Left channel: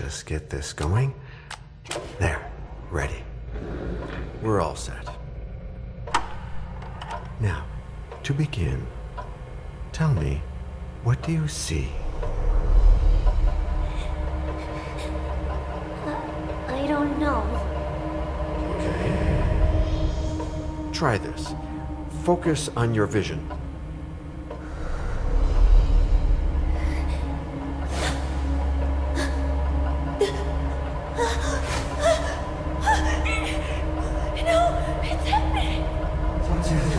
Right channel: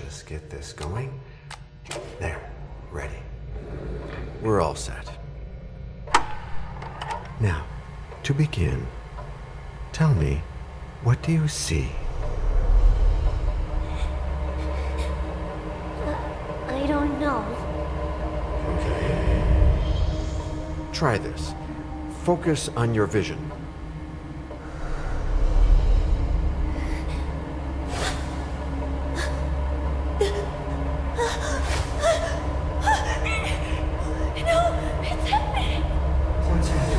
just get this going. There, ready. We're all set. Now, to begin, tell me, what do you see? I don't know. Okay. Try this. Focus on your vision. No, it's happening. What's happening?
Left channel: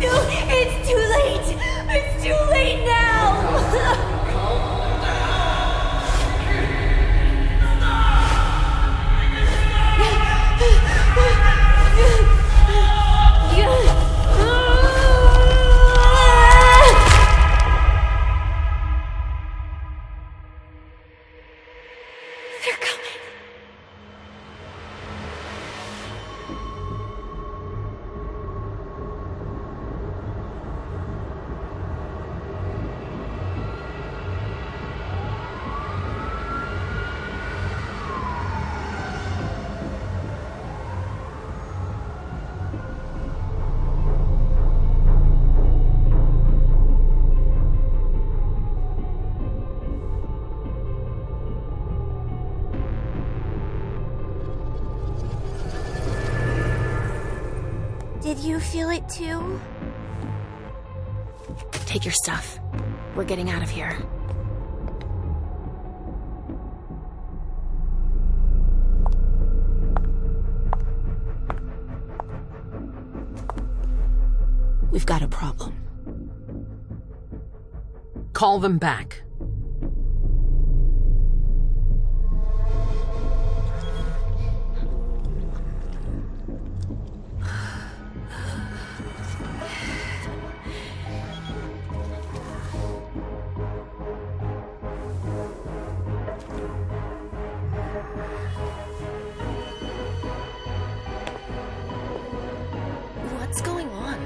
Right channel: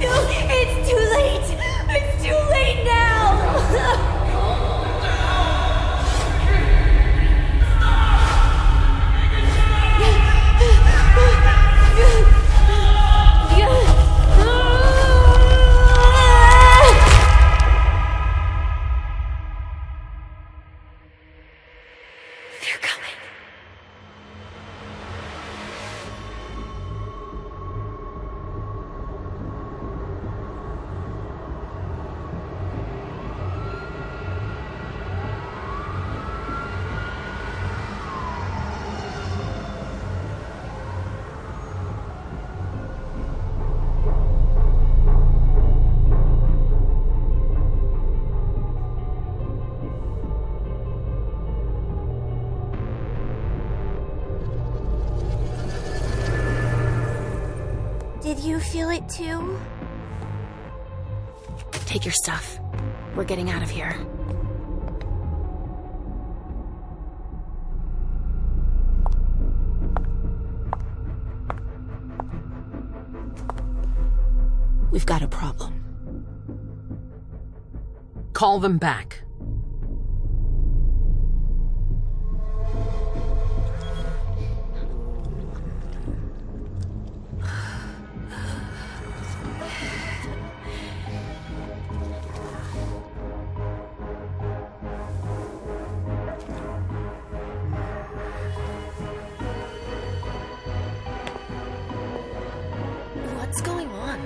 No, it's too late. It's too late now. They're coming. Did you feel it too? Take your stuff. We're getting out of here. We've got a problem. Call them back. What's going on?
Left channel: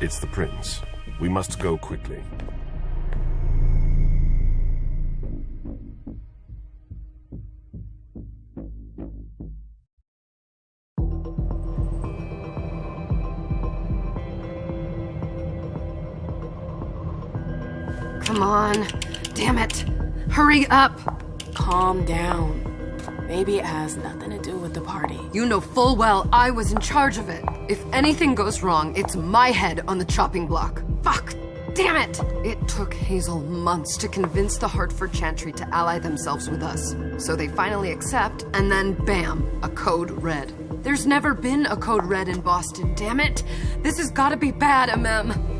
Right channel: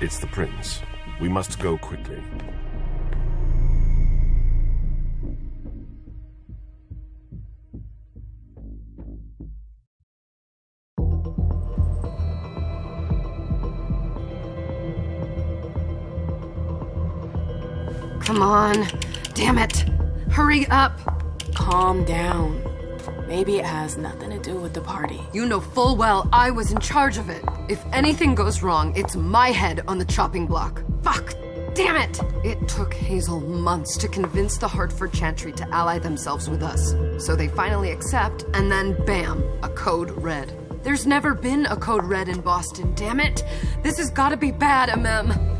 It's the prince. We must go quickly. Come on. Damn it. Hurry up. Calm down. Maybe it has nothing to do with the party. You know full well I was in charge of it. If anything goes wrong, it's my head on the chopping block. Fuck! Damn it! It took Hazel months to convince the Hartford Chantry to ally themselves with us. So they finally accept, and then bam, a code red. There's never been a code red in Boston, damn it! This has gotta be bad, MM.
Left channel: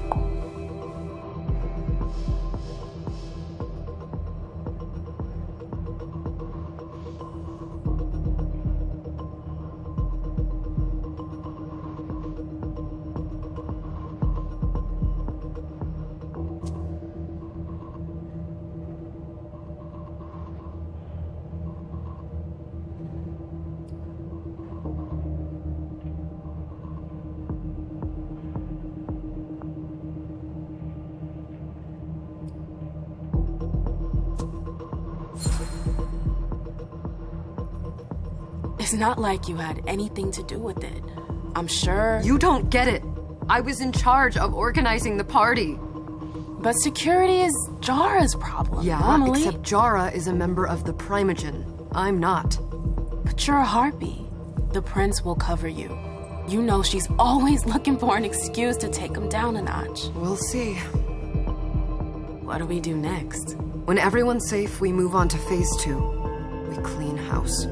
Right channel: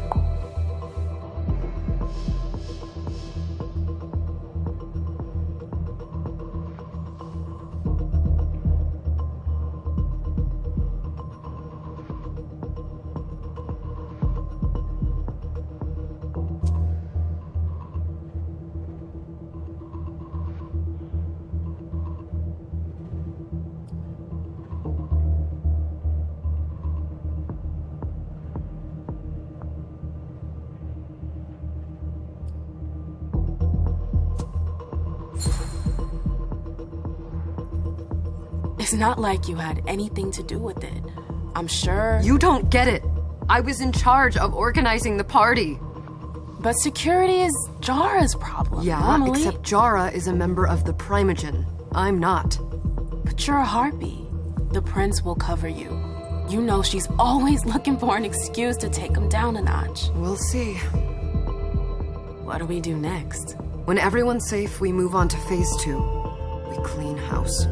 It's not like you had anything to do with it. I'm sure. You don't get it. I was in charge of organizing the party. But security is Jara's problem. Yeah, normally. except Jara is a member of the Primogen. I'm not. But you're a harpy. The prince will cover you. You know she's always looking for an excuse to take him down a notch. We'll see. What do we do next? When everyone's safe, we move on to phase 2. We clean house.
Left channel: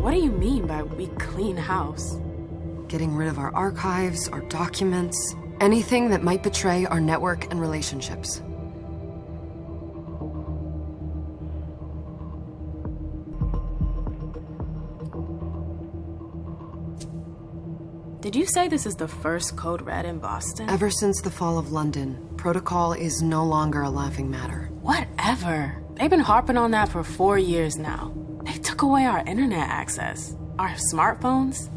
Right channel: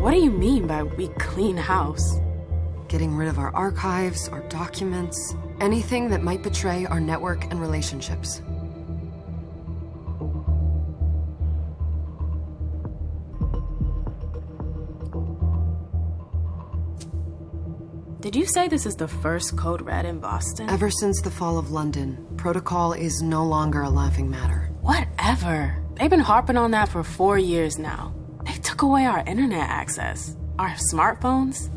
What do you mean by we clean house? Getting rid of our archives, our documents, anything that might betray our network and relationships. Did you say this is the first code red in Boston? Ever since the fall of London, protocol is no longer a laughing matter. Whatever. They've been harping on that for 4 years now. They took away our internet access. Our smartphones.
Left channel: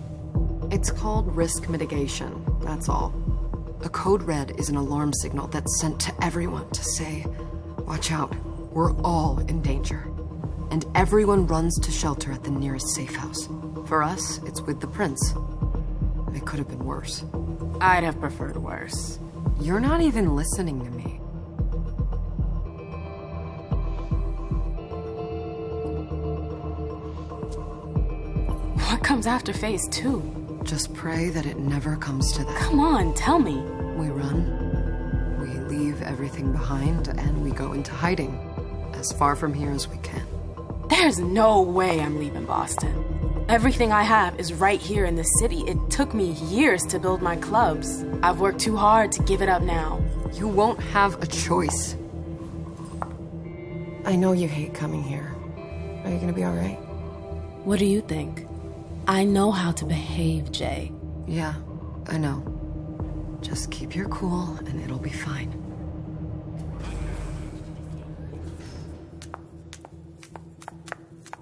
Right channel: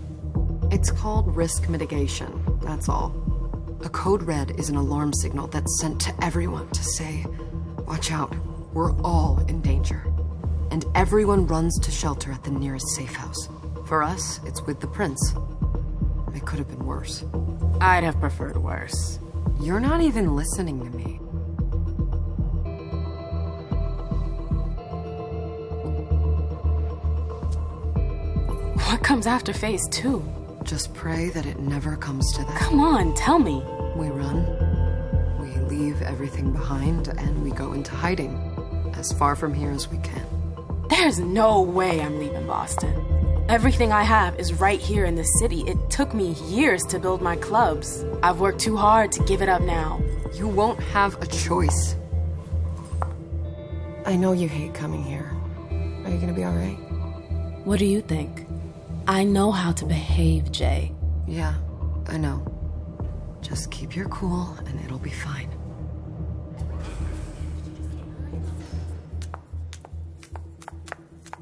It's called risk mitigation, that's all. A code red is an alarm signal that's sent to everyone to say, watch out, we're all in danger. And everyone runs to shelter at the nearest safe house. For us, it's with the prince. It could have been worse. I'd have preferred worse. You're not even listening to me. What comes after phase 2? Just pray that it never comes to that. Come on, tell me. We run, we leave everything behind, and we go into hiding. As far from here as we can. There's no way I'm leaving Boston. Everything I have is right here in the city. It took me years to build my clubs. I've worked too hard to give it up now. You won't have a choice. I know you hate coming here. Are you gonna be all right? What do you think? I know how to behave, Jay. Yeah, I know. Just keep your cool and it'll be fine.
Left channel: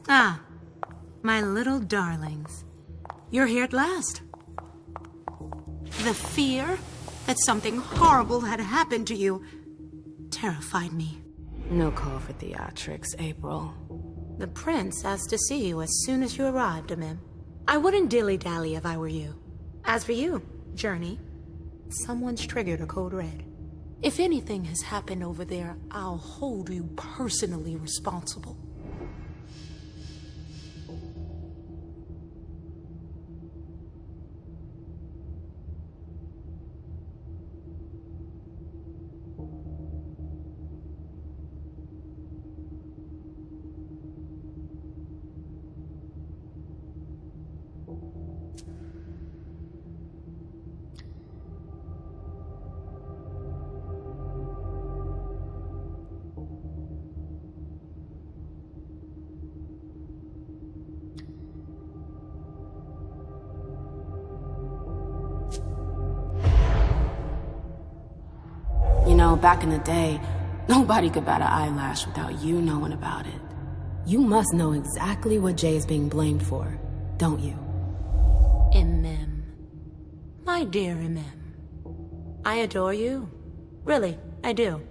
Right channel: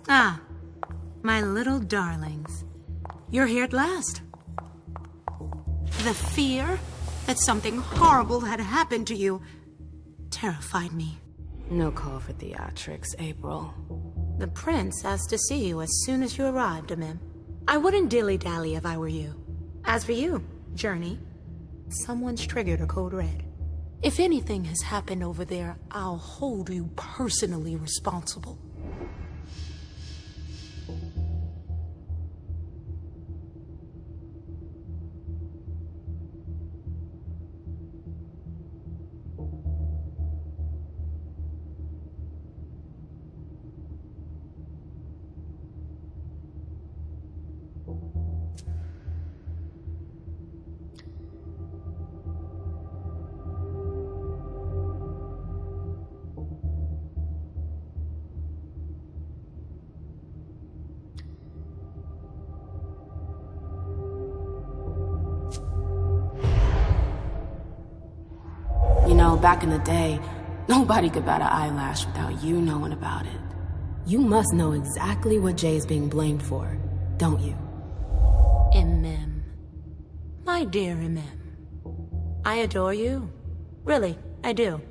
Ah, my little darlings. You're here at last. The fear that something horrible had happened to you terrified me. No call for theatrics, April. The prince asked to see you as soon as you arrived, Amim. I wouldn't dilly-dally if I were you. As for you, Journey, someone's triggered a code red. If anything has happened over there, I'll hold you personally responsible. You know, back in the day, nobody could bat an eyelash without you knowing about it. You must know exactly what Jay is being blamed for, don't you? Imem. My dear Imem. I adore you. Really, I do.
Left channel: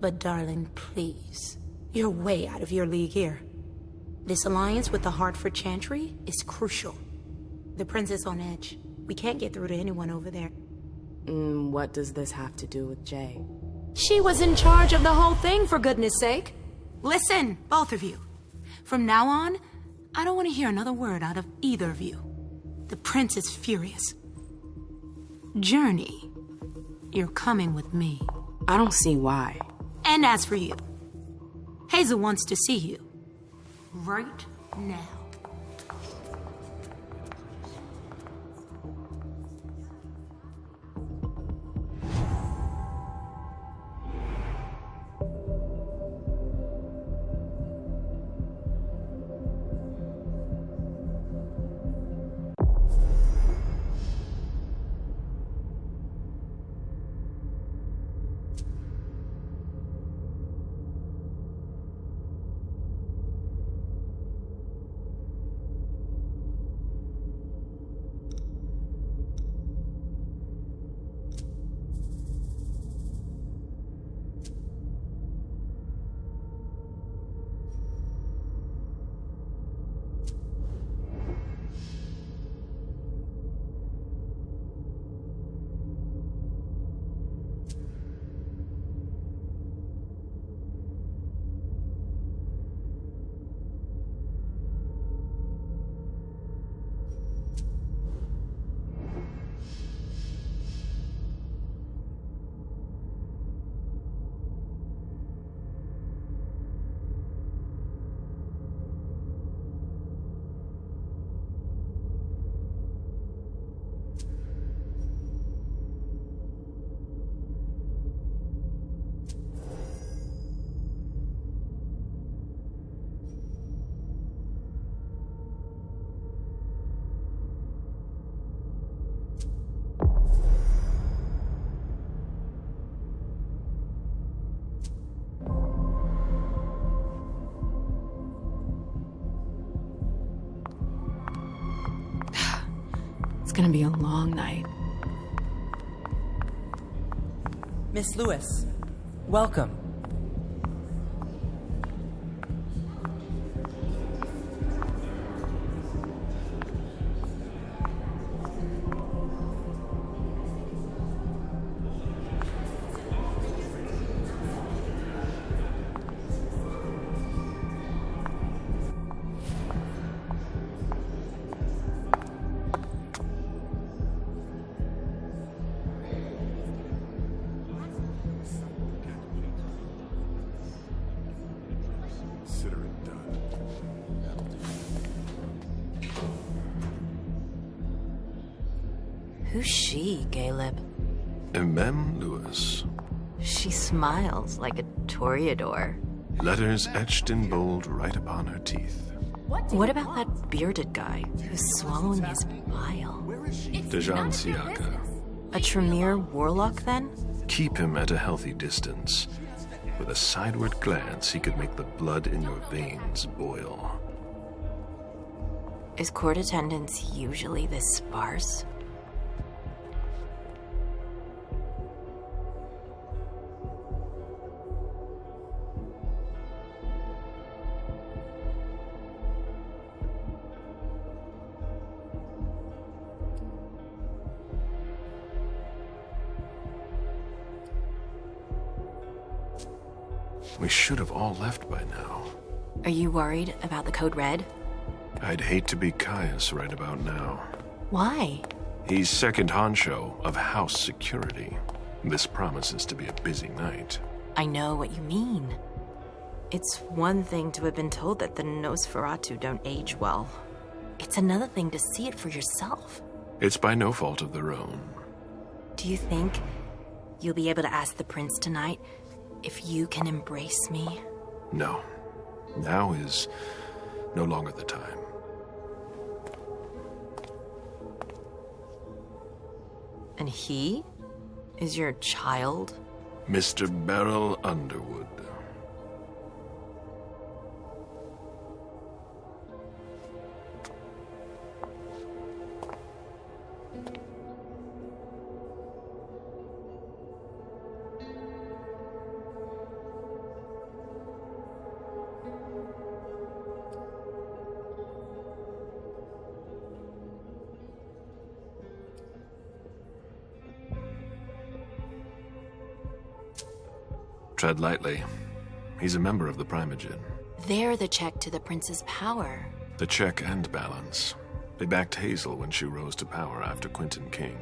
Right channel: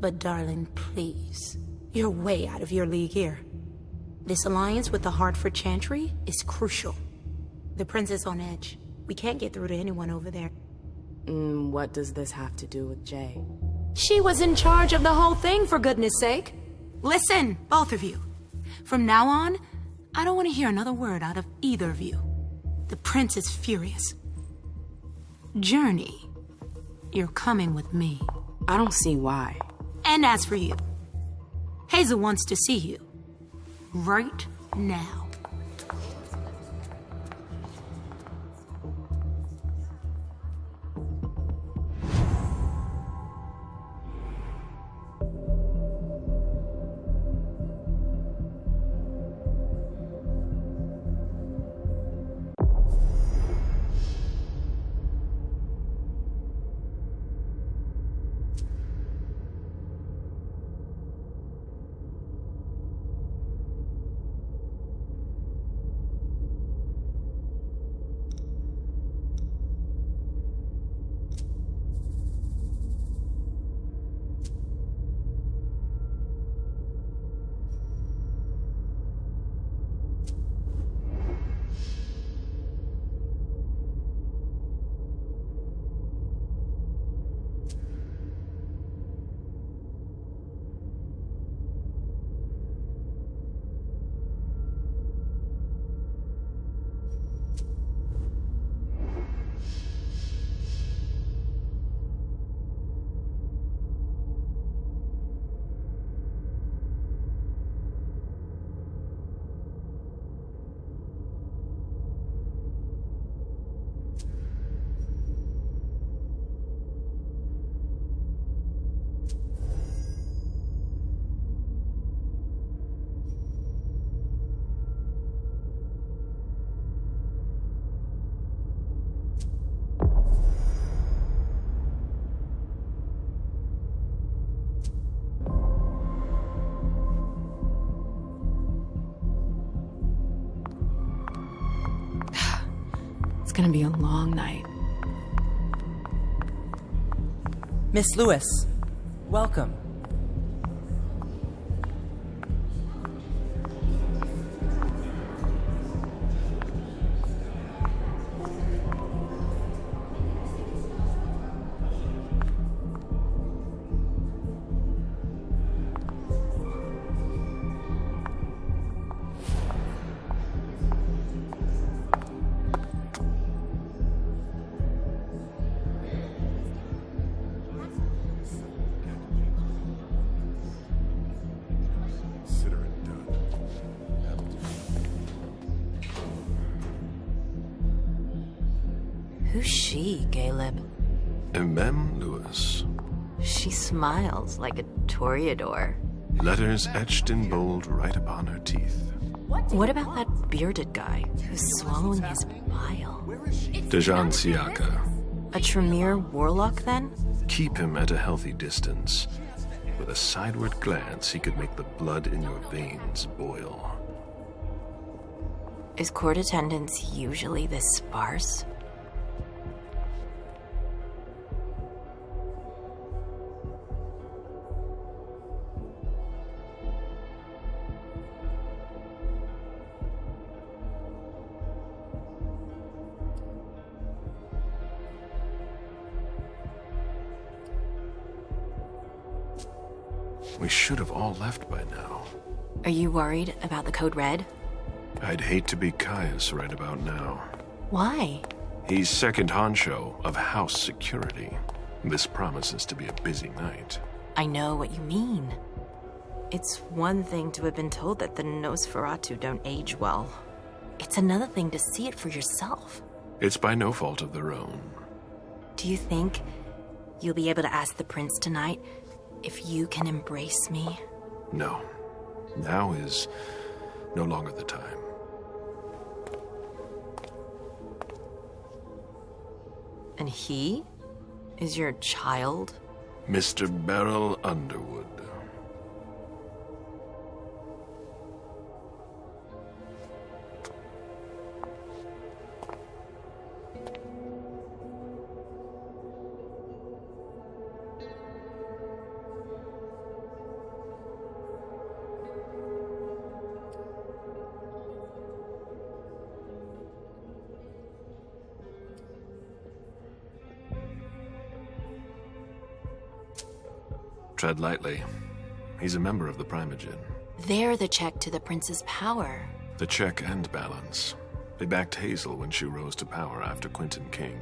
But darling, please. You're way out of your league here. This alliance with the Hartford Chantry is crucial. The prince is on edge. We can't get through to anyone over there. What does this have to do with Jay? She was in charge of the whole thing, for goodness sake. Listen, both of you. From now on, I don't want to hear another word out of either of you. The prince is furious. Journey, you're coming with me. I don't see why. And as for you, Hazel wants to see you. Right now. gonna be a long night. Miss Lewis, welcome. Consider it done. That'll do. Who's she, Caleb? Mem Lewis. She smiles like a toreador. Letters etched in bold right upon her teeth. What about that bearded guy who's swallowing his bile? Dejan Siaka. A Tremere warlock, then? Keep him at a healthy distance. With a sideward glance, he could make the blood in your veins boil. Is court attendance usually this sparse? We should have all left by now. Are you worried about the Code Red? I'd hate to be Caius right about now. Why? He's second honcho of house security. This promises to be a busy night. I know what you mean. It's one thing to have been told that the Nosferatu don't age well. It's another thing to see it for yourself. It's by no fault of their own. Do you think you'll be able to ask the prince tonight if you can embrace me? No. Now is no longer the time. And he is your child? Mr. Beryl Underwood. Tread lightly. He's a member of the Primogen. They're the check to the prince's power. The check and balance. They backed Hazel when she rose to power after Quentin King.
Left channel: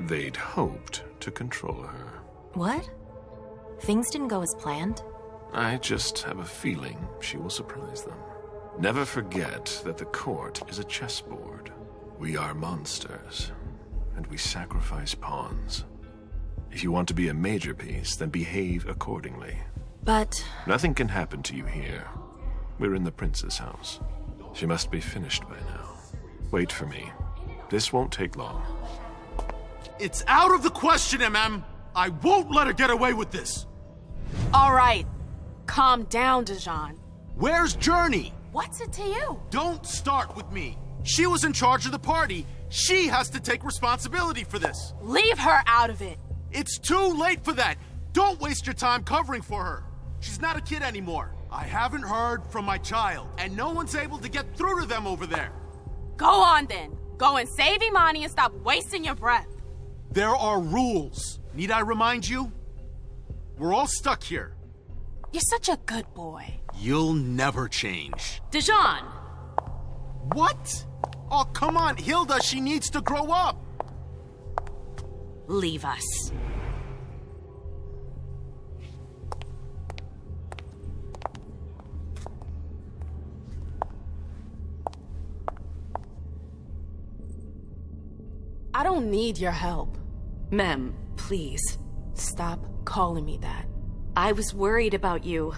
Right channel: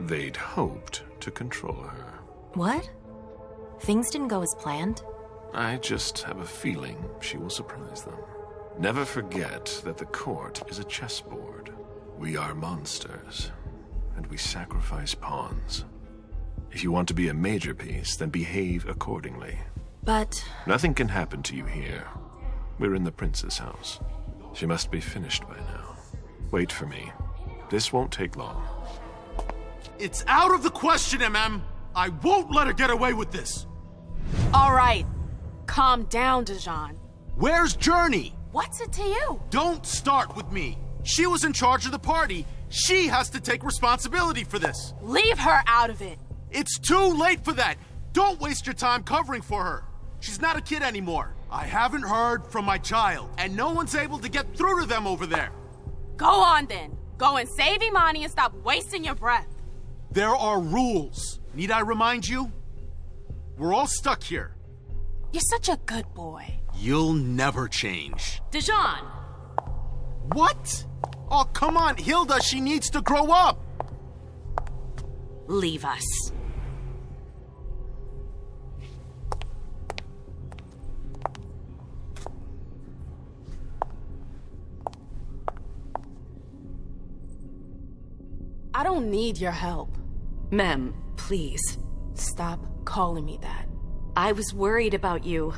They'd hoped to control her. What? Things didn't go as planned? I just have a feeling she will surprise them. Never forget that the court is a chessboard. We are monsters, and we sacrifice pawns. If you want to be a major piece, then behave accordingly. But Nothing can happen to you here. We're in the prince's house. She must be finished by now. Wait for me. This won't take long. It's out of the question, MM. I won't let her get away with this. All right. Calm down, Dejan. Where's Journey? What's it to you? Don't start with me. She was in charge of the party. She has to take responsibility for this. Leave her out of it. It's too late for that. Don't waste your time covering for her. She's not a kid anymore. I haven't heard from my child, and no one's able to get through to them over there. Go on then. Go and save Imani and stop wasting your breath. There are rules. Need I remind you? We're all stuck here. You're such a good boy. You'll never change. Dejan! What? Oh, come on, Hilda, she needs to grow up. leave us. I don't need your help. Mem, please. Stop calling me that. I was worried about you.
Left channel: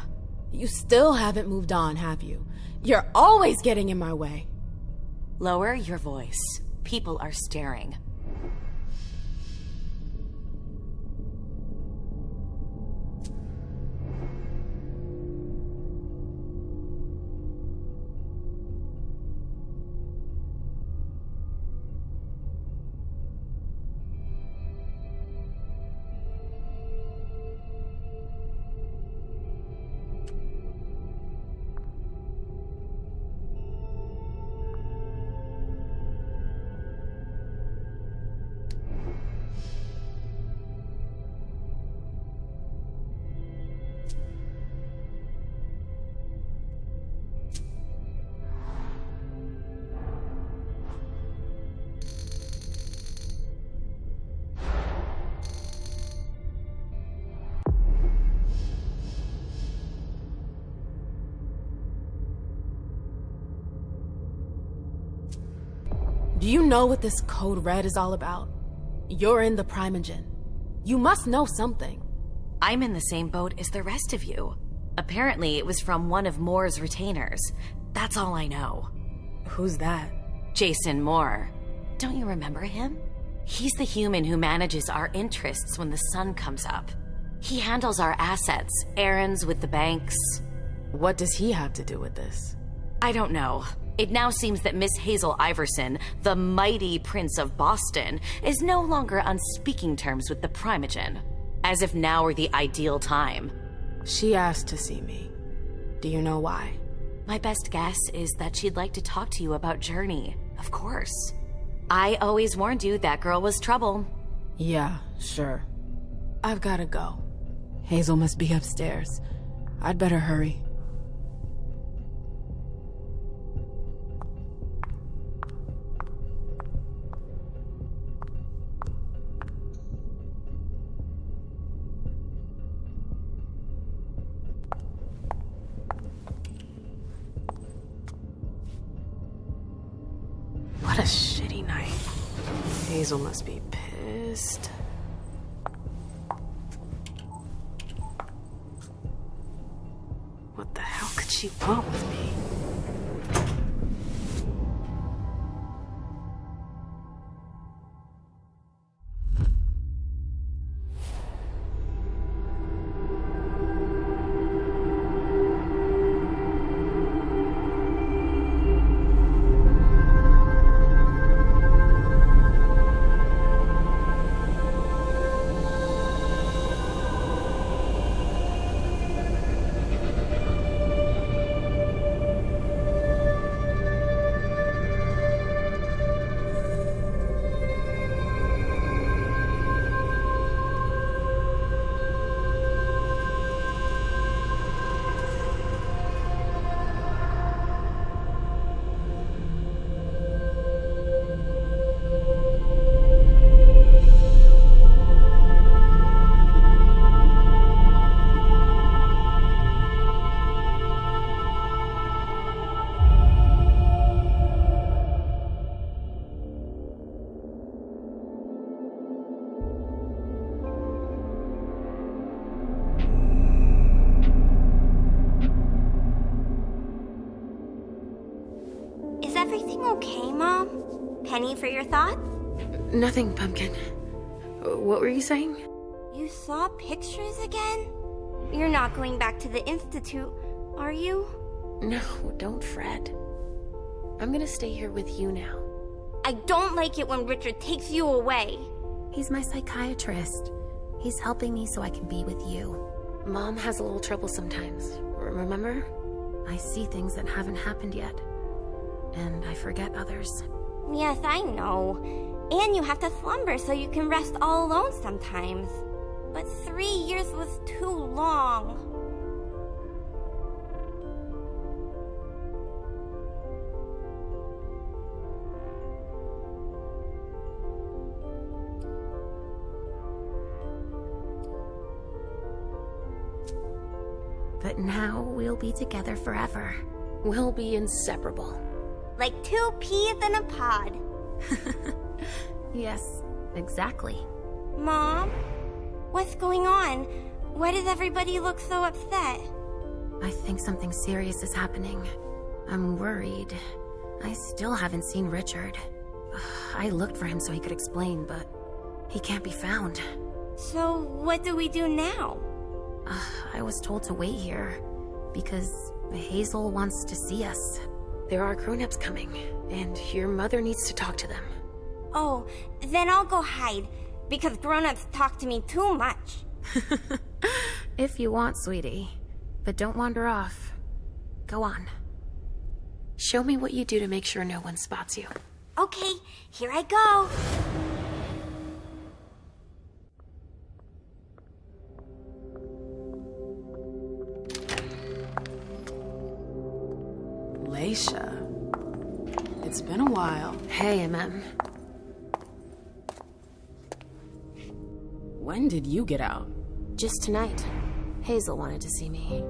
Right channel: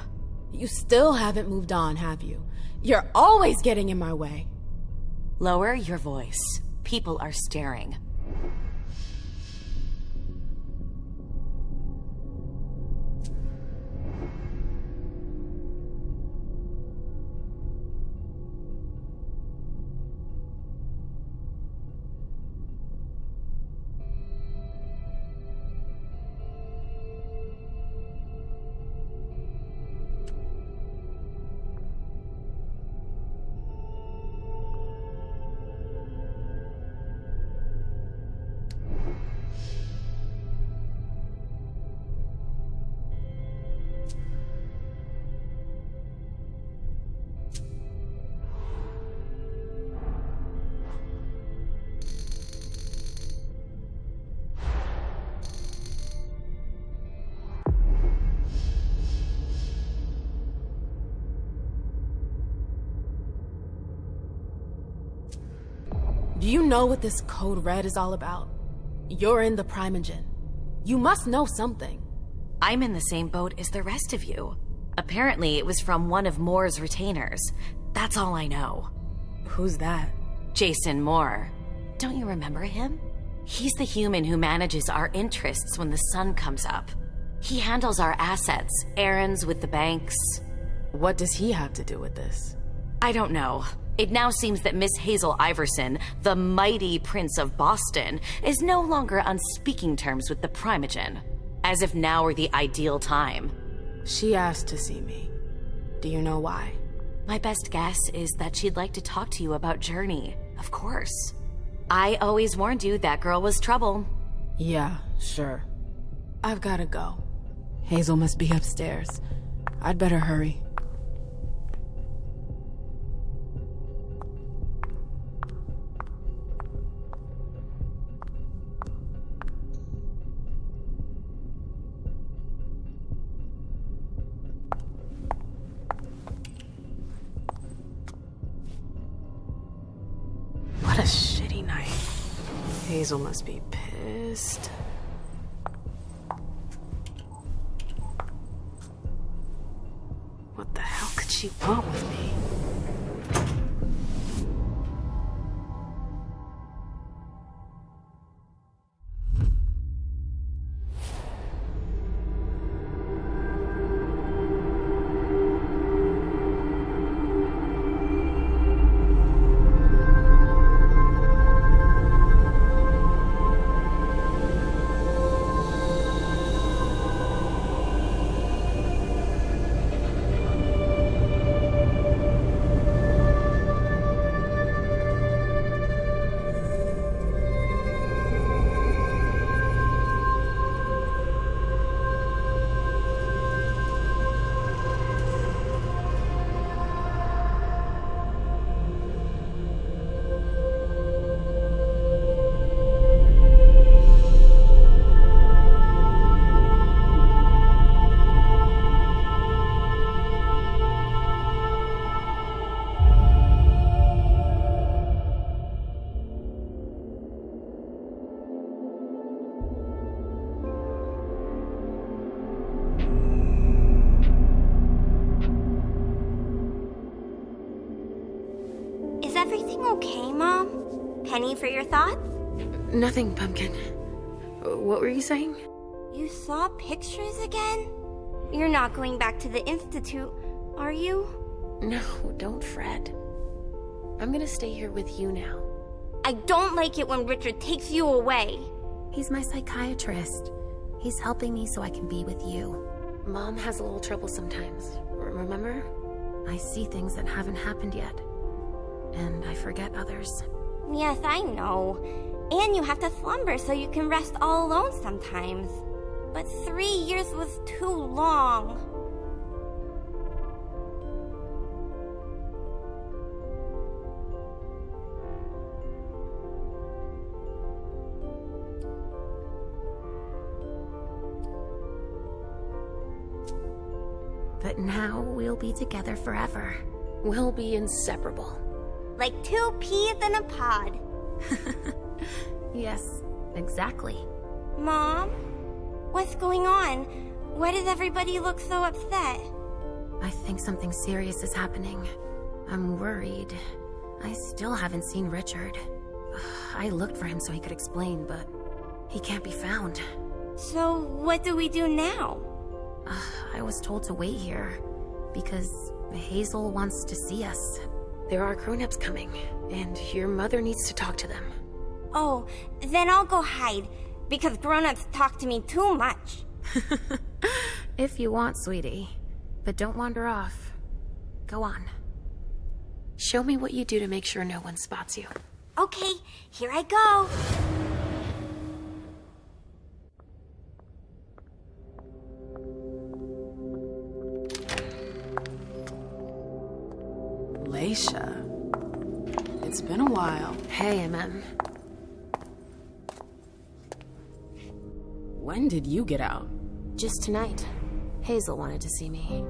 You still haven't moved on, have you? You're always getting in my way. Lower your voice. People are staring. Do you know what this code red is all about? You're in the Primogen. You must know something. I'm in the same boat as the rest of you. Apparently, it was from one of Moore's retainers. That's all I know. Who's that? Jason Moore. Don't you remember him? He's the human who manages our interests when the sun comes up. He handles our assets, errands with the banks. What does he have to do with this? I don't know. It now seems that Miss Hazel Iverson, the mighty Prince of Boston, is no longer on speaking terms with the Primogen. As if now were the ideal time. She asked to see me. Do you know why? My best guess is that she'd like to talk to you about Journey, of course. I always warned you that girl was trouble. Yeah, sure. I've gotta go. Hazel must be upstairs. I'd better hurry. What a shitty night. Hazel must be pissed. What the hell could she want with me? Is everything okay, Mom? Penny for your thoughts? Nothing, Pumpkin. What were you saying? You saw pictures again? You're not going back to the Institute, are you? No, don't fret. I'm gonna stay here with you now. I don't like it when Richard takes you away. He's my psychiatrist. He's helping me so I can be with you. Mom has a little trouble sometimes, remember? I see things that haven't happened yet. And I forget others. Yes, I know. And you have to slumber so you can rest all alone sometimes. But 3 years was too long. But now we'll be together forever. We'll be inseparable. Like 2 peas in a pod. Yes, exactly. Mom? What's going on? Why does everybody look so upset? I think something serious is happening. I'm worried. I still haven't seen Richard. I looked for him so he could explain, but he can't be found. So what do we do now? I was told to wait here because Hazel wants to see us. There are grown-ups coming, and your mother needs to talk to them. Oh, then I'll go hide, because grown-ups talk to me too much. If you want, sweetie. But don't wander off. Go on. Show me what you do to make sure no one spots you. Okay, here I go. Leisha. It's been a while. Hey, MM. When did you get out? Just tonight. Hazel wanted to see me.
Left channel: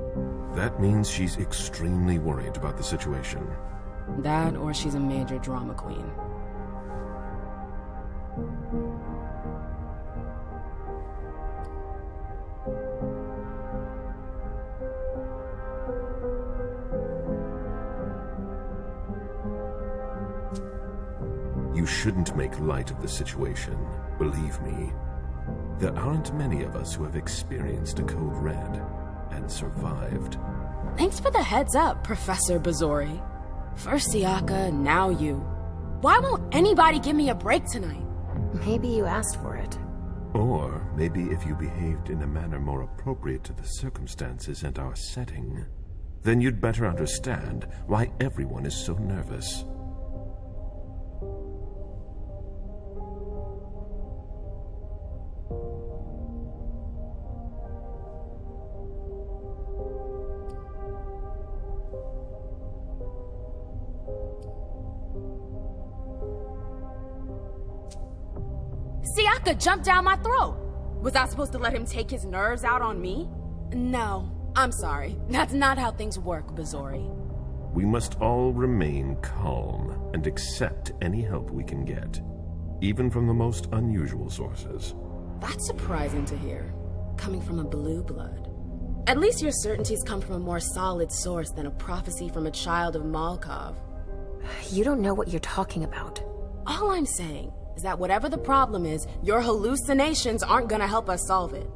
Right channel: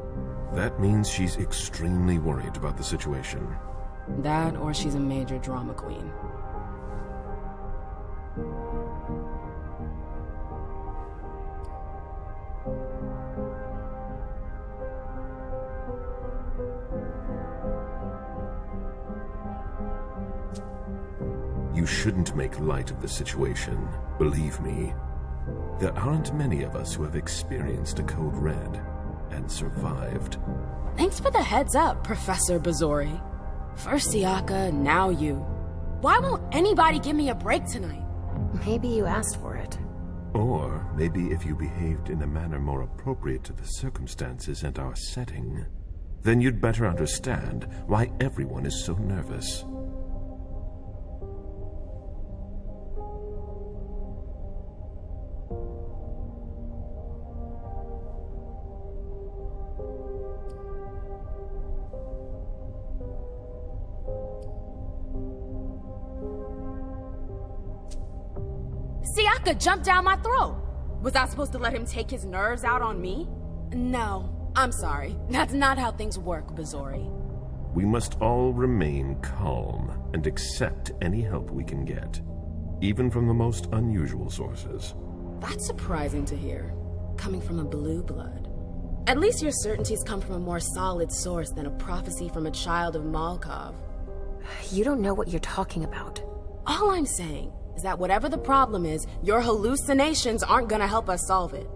That means she's extremely worried about the situation. That or she's a major drama queen. You shouldn't make light of the situation. Believe me, there aren't many of us who have experienced a code red and survived. Thanks for the heads up, Professor Bazori. First Siaka, now you. Why won't anybody give me a break tonight? Maybe you asked for it. Or maybe if you behaved in a manner more appropriate to the circumstances and our setting, then you'd better understand why everyone is so nervous. Siaka jumped down my throat. Was I supposed to let him take his nerves out on me? No, I'm sorry. That's not how things work, Bazori. We must all remain calm and accept any help we can get, even from the most unusual sources. That's surprising to hear, coming from a blue blood. At least your certainties come from a more solid source than a prophecy from a child of Malkov. You don't know what you're talking about. All I'm saying is that whatever the problem is, your hallucinations aren't gonna help us solve it.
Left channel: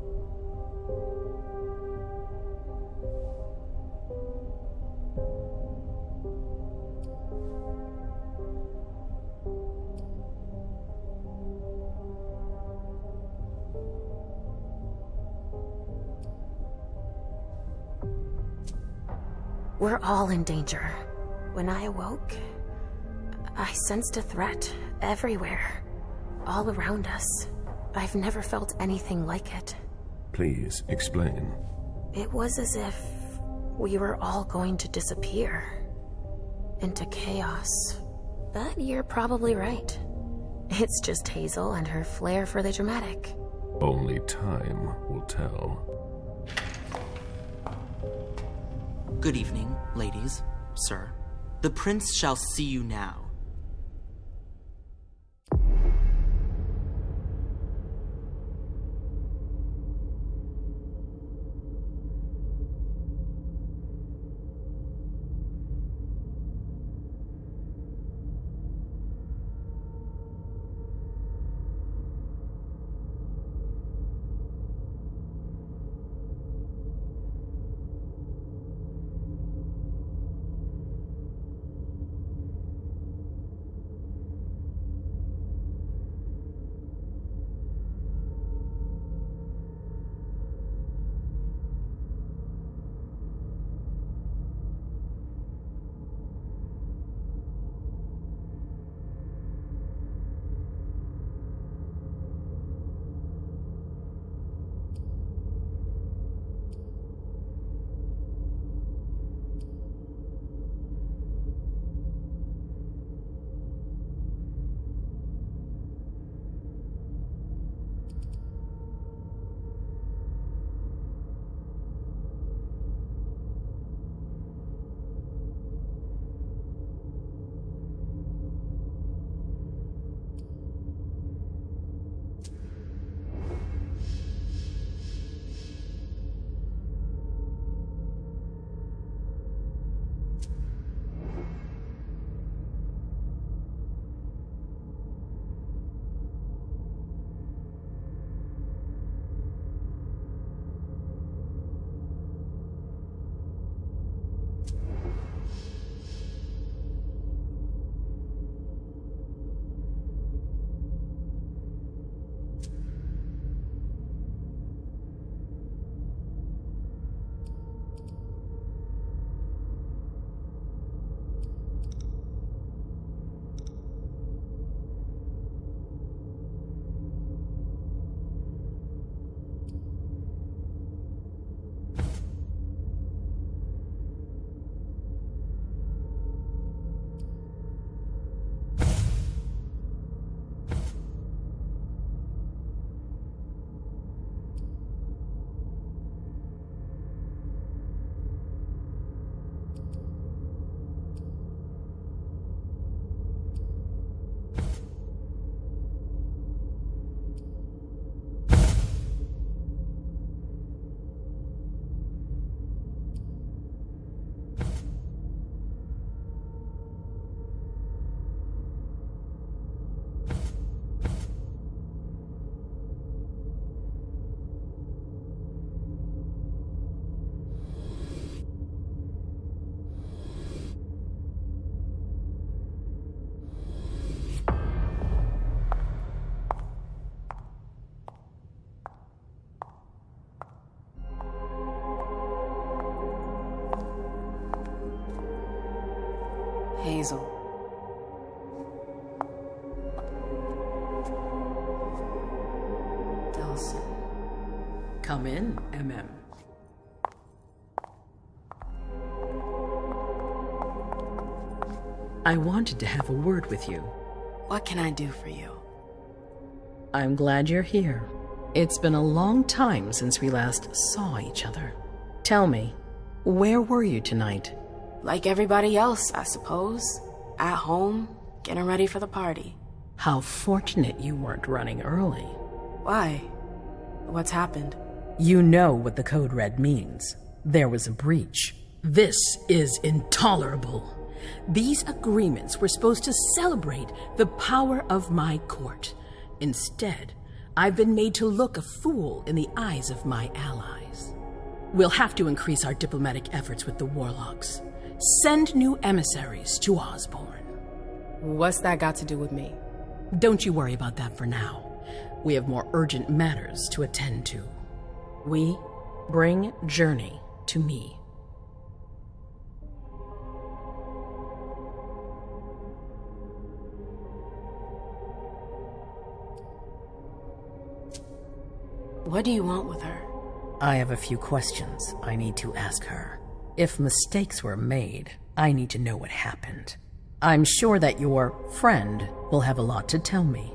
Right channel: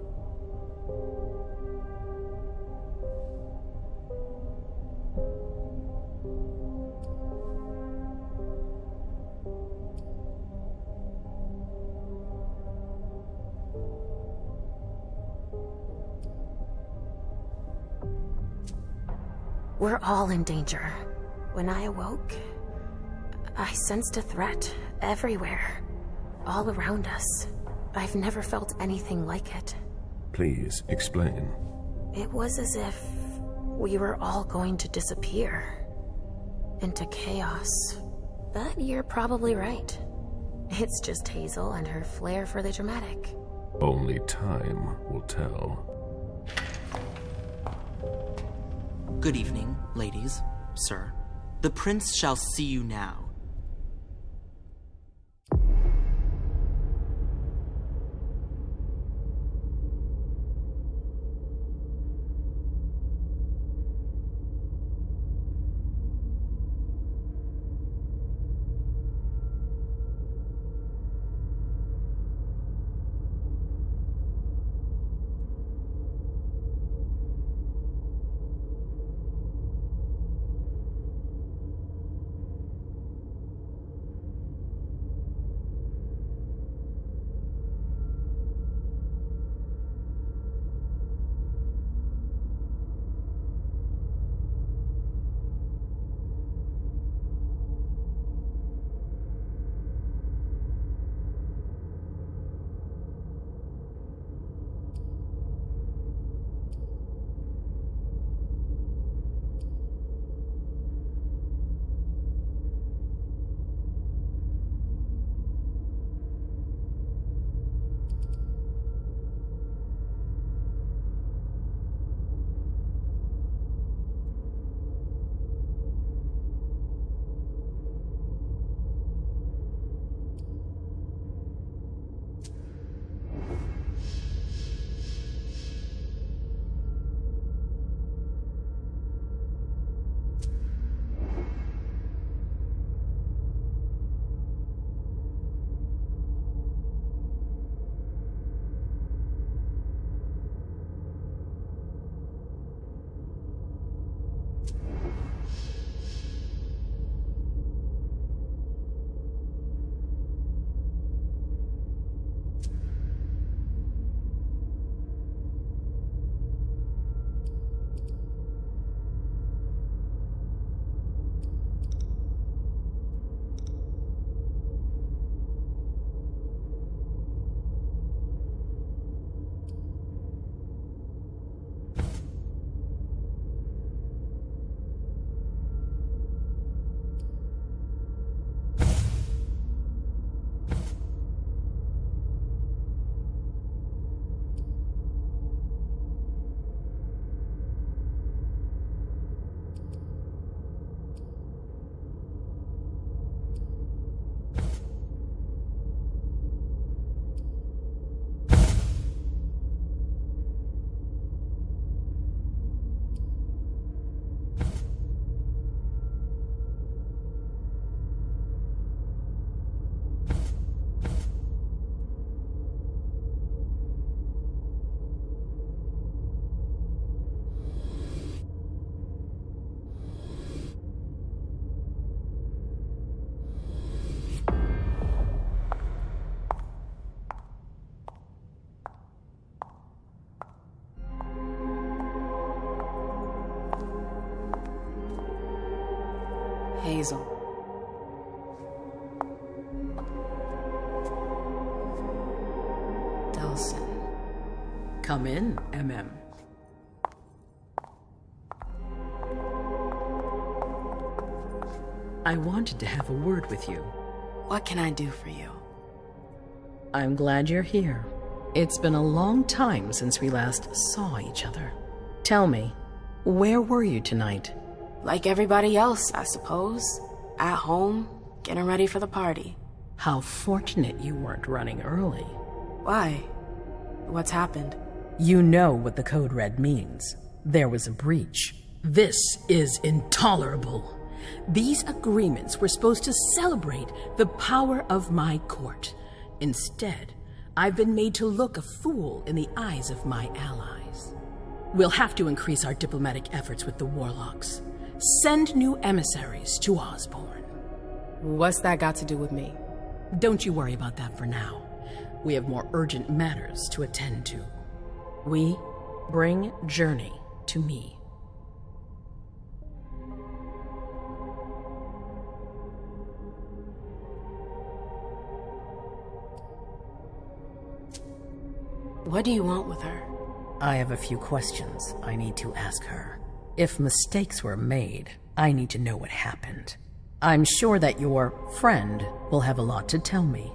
We're all in danger. When I awoke, I sensed a threat everywhere, all around us. I've never felt anything like it. Please explain. It was as if we were all going to disappear into chaos. But you're probably right. It's just Hazel and her flair for the dramatic. Only time will tell. Good evening, ladies, sir. The prince shall see you now. Hazel. Delson. Come in, MM. I wanted to have a word with you. What can I do for you? I'm glad you're here. It's been a long time since we last saw each other. Tell me, where were you tonight? Like everybody else, I suppose. At home, getting ready for the party. How fortunate you weren't running early. Why? What's happened? You know what the code red means. There was a breach. This is intolerable. These agreements were supposed to celebrate the power of my court. Instead, I've been made to look a fool in the eyes of my allies. We'll have to increase our diplomatic efforts with the warlocks. Send new emissaries to Osborne. What's that got to do with me? Don't you worry about that for now. We have more urgent matters to attend to. We bring Journey to me. What do you want with her? I have a few questions I need to ask her. If mistakes were made, I need to know what happened. I'm sure that your friend will have a lot to tell me.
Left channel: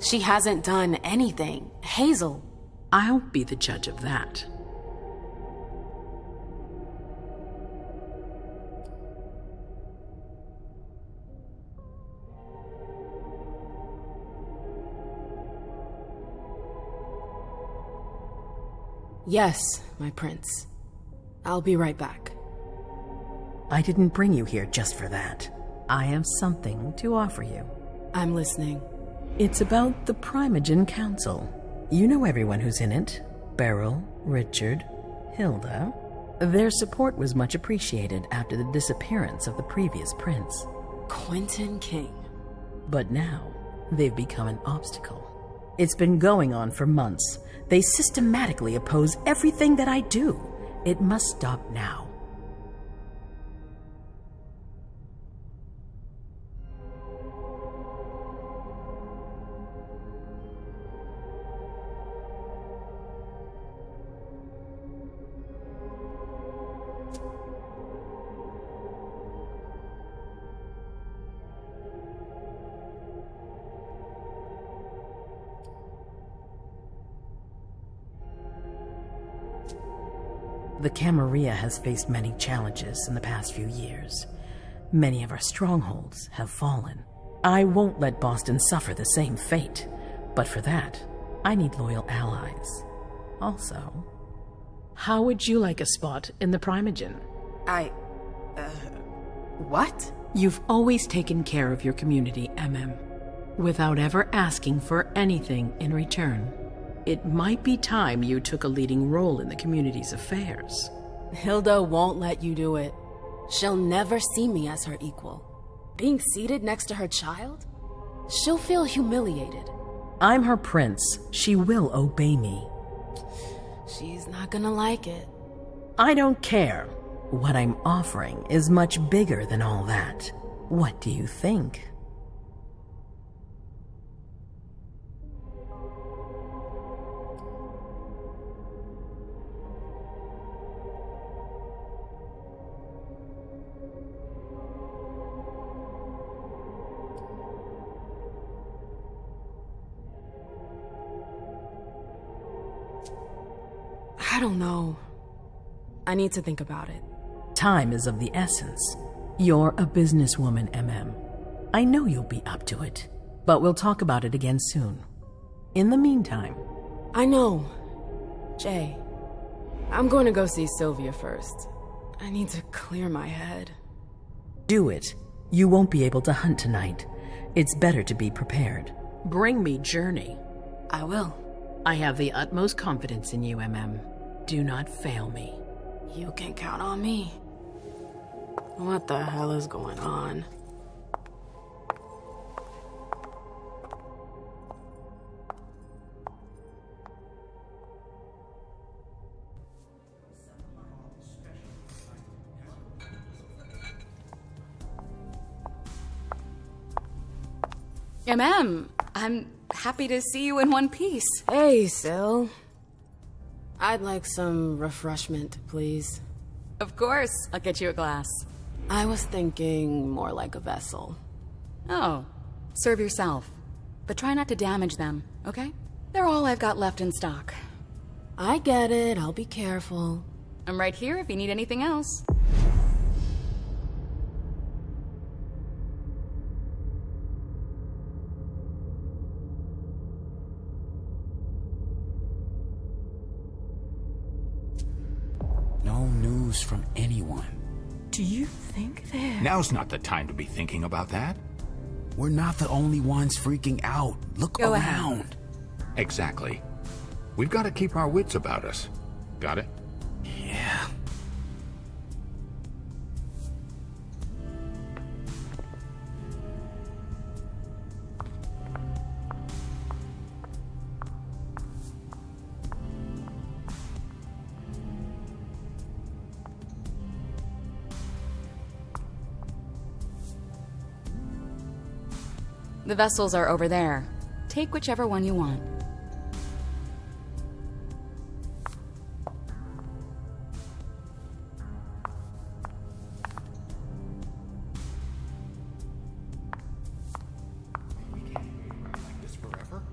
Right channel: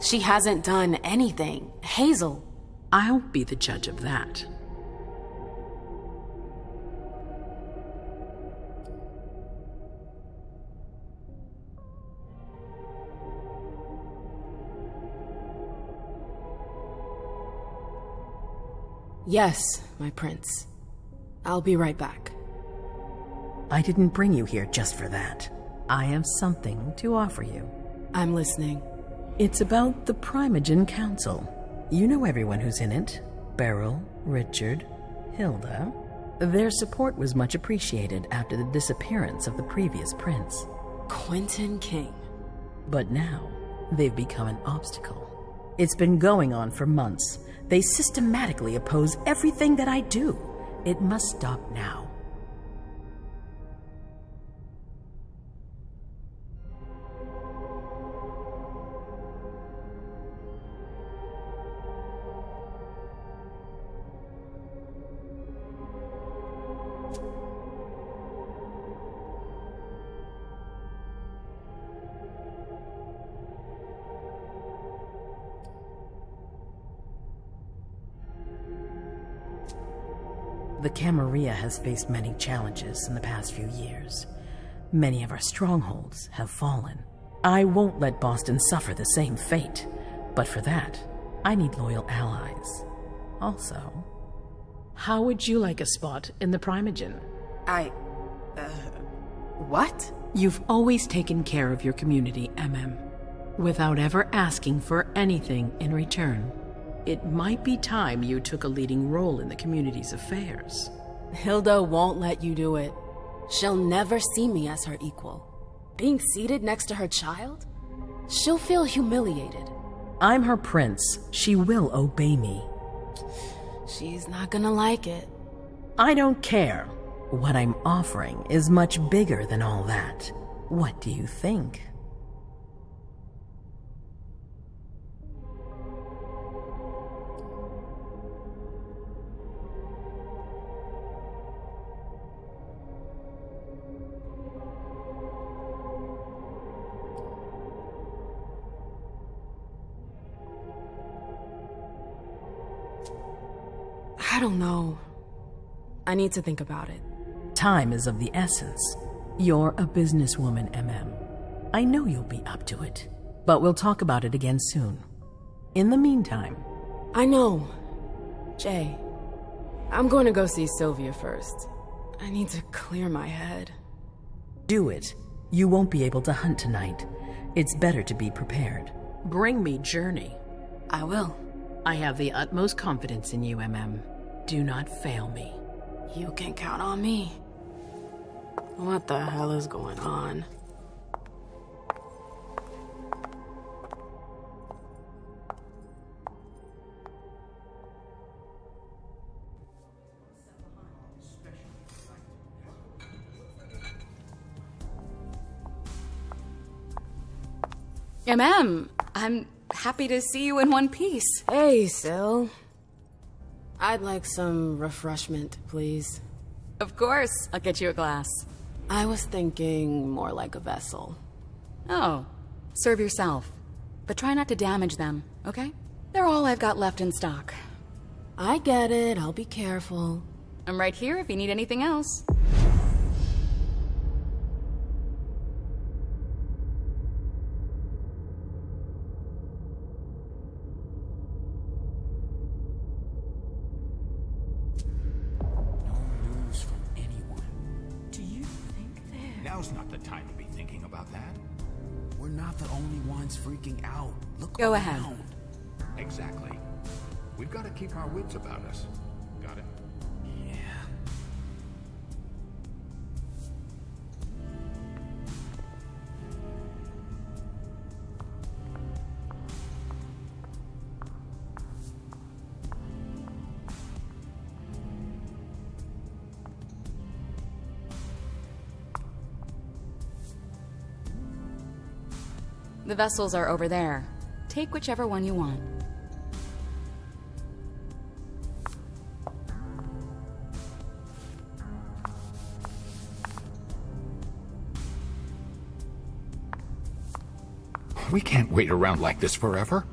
She hasn't done anything. Hazel. I'll be the judge of that. Yes, my prince. I'll be right back. I didn't bring you here just for that. I have something to offer you. I'm listening. It's about the Primogen Council. You know everyone who's in it. Beryl, Richard, Hilda. Their support was much appreciated after the disappearance of the previous prince. Quentin King. But now, they've become an obstacle. It's been going on for months. They systematically oppose everything that I do. It must stop now. The Camarilla has faced many challenges in the past few years. Many of our strongholds have fallen. I won't let Boston suffer the same fate, but for that, I need loyal allies. Also, how would you like a spot in the Primogen? What? You've always taken care of your community, MM, without ever asking for anything in return. It might be time you took a leading role in the community's affairs. Hilda won't let you do it. She'll never see me as her equal. Being seated next to her child? She'll feel humiliated. I'm her prince. She will obey me. She's not gonna like it. I don't care. What I'm offering is much bigger than all that. What do you think? I don't know. I need to think about it. Time is of the essence. You're a businesswoman, MM. I know you'll be up to it, but we'll talk about it again soon. In the meantime... I know. Jay, I'm going to go see Sylvia first. I need to clear my head. Do it. You won't be able to hunt tonight. It's better to be prepared. Bring me Journey. I will. I have the utmost confidence in you, MM. Do not fail me. You can count on me. What the hell is going on? I'm happy to see you in one piece. Hey, Sil. I'd like some refreshment, please. Of course, I'll get you a glass. I was thinking more like a vessel. Oh, serve yourself. But try not to damage them, okay? They're all I've got left in stock. I get it, I'll be careful. I'm right here if you need anything else. No news from anyone. Do you think that... Now's not the time to be thinking about that. We're not the only ones freaking out. Look Go around. ahead. Exactly. We've got to keep our wits about us. Got it? Yeah. The vessels are over there. Take whichever one you want. We can't wait around like this forever.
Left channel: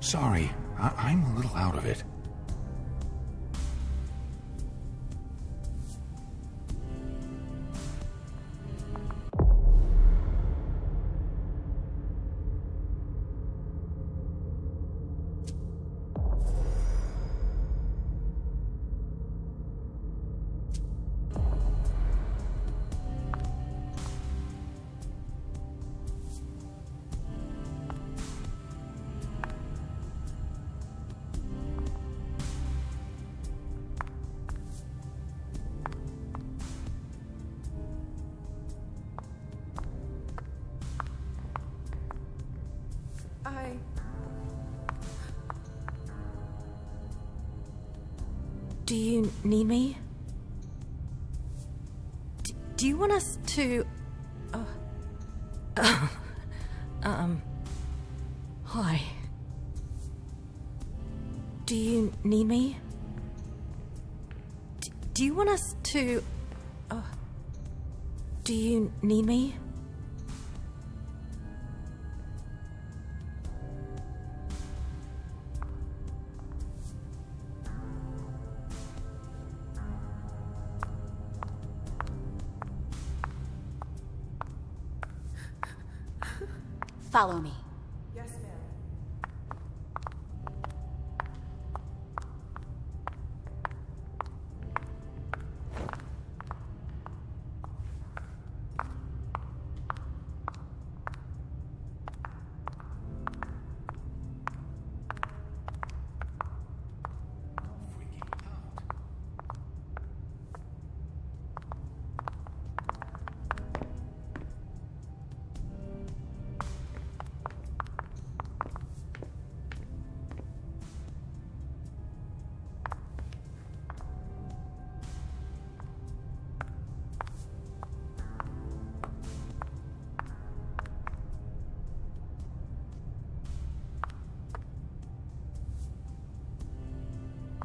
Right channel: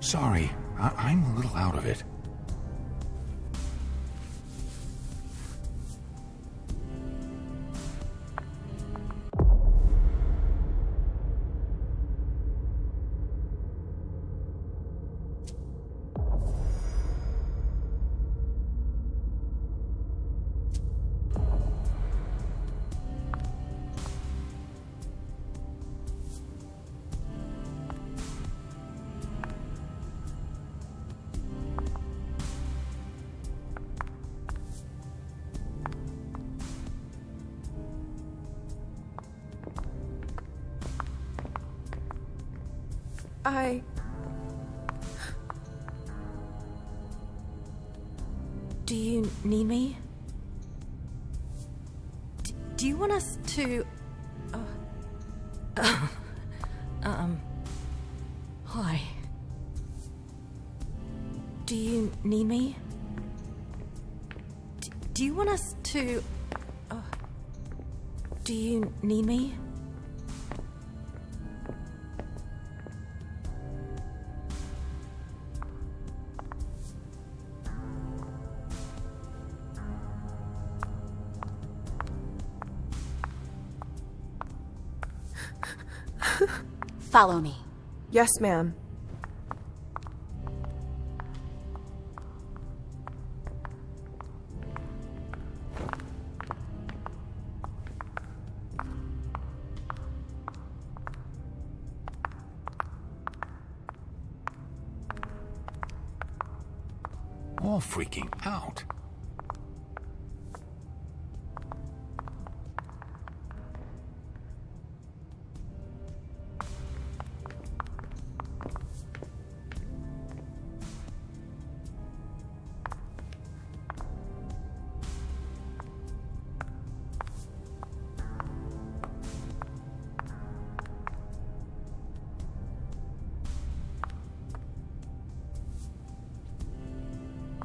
Sorry, I'm a little out of it. Do you need me? Do you want us to... Hi. Do you need me? Do you want us to... Do you need me? Follow me. Yes, ma'am. All freaking out.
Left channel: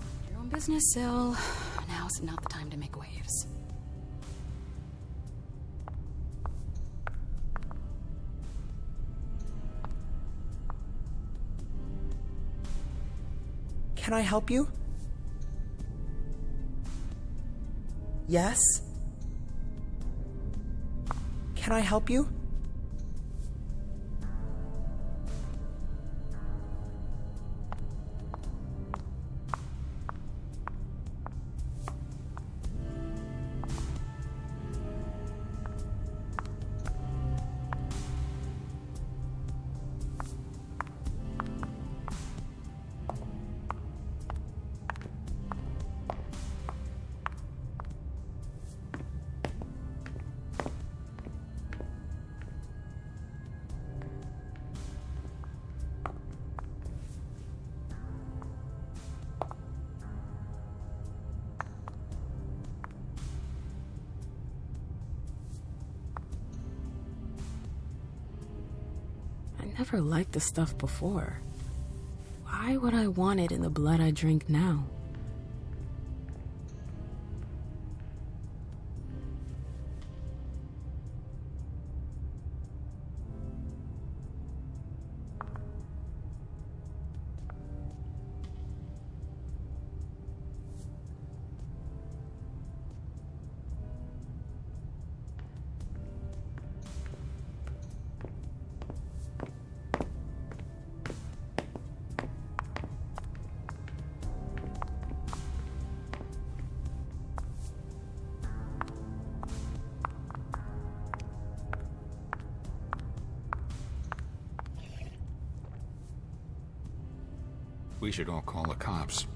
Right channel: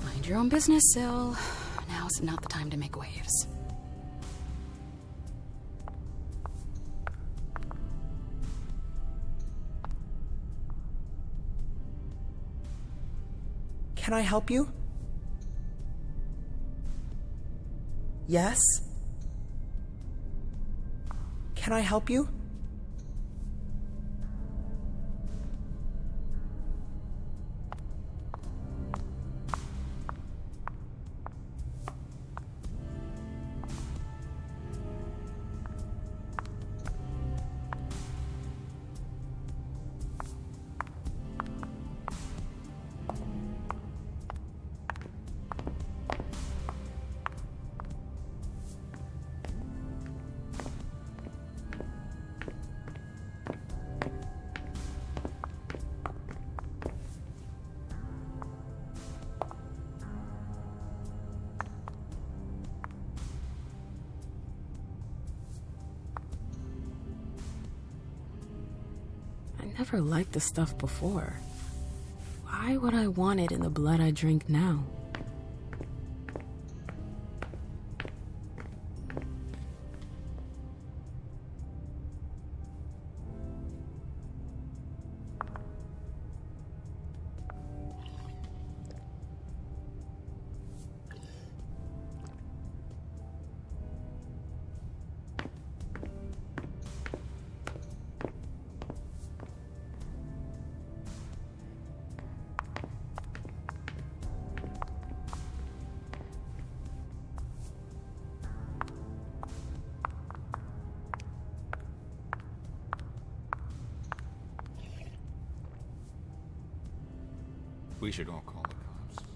Mind your own business, Sil. Now's not the time to make waves. Can I help you? Yes? Can I help you? never liked this stuff before. Why would I want it in the blood I drink now? We should all call the cops.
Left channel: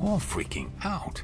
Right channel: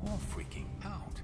All freaking out.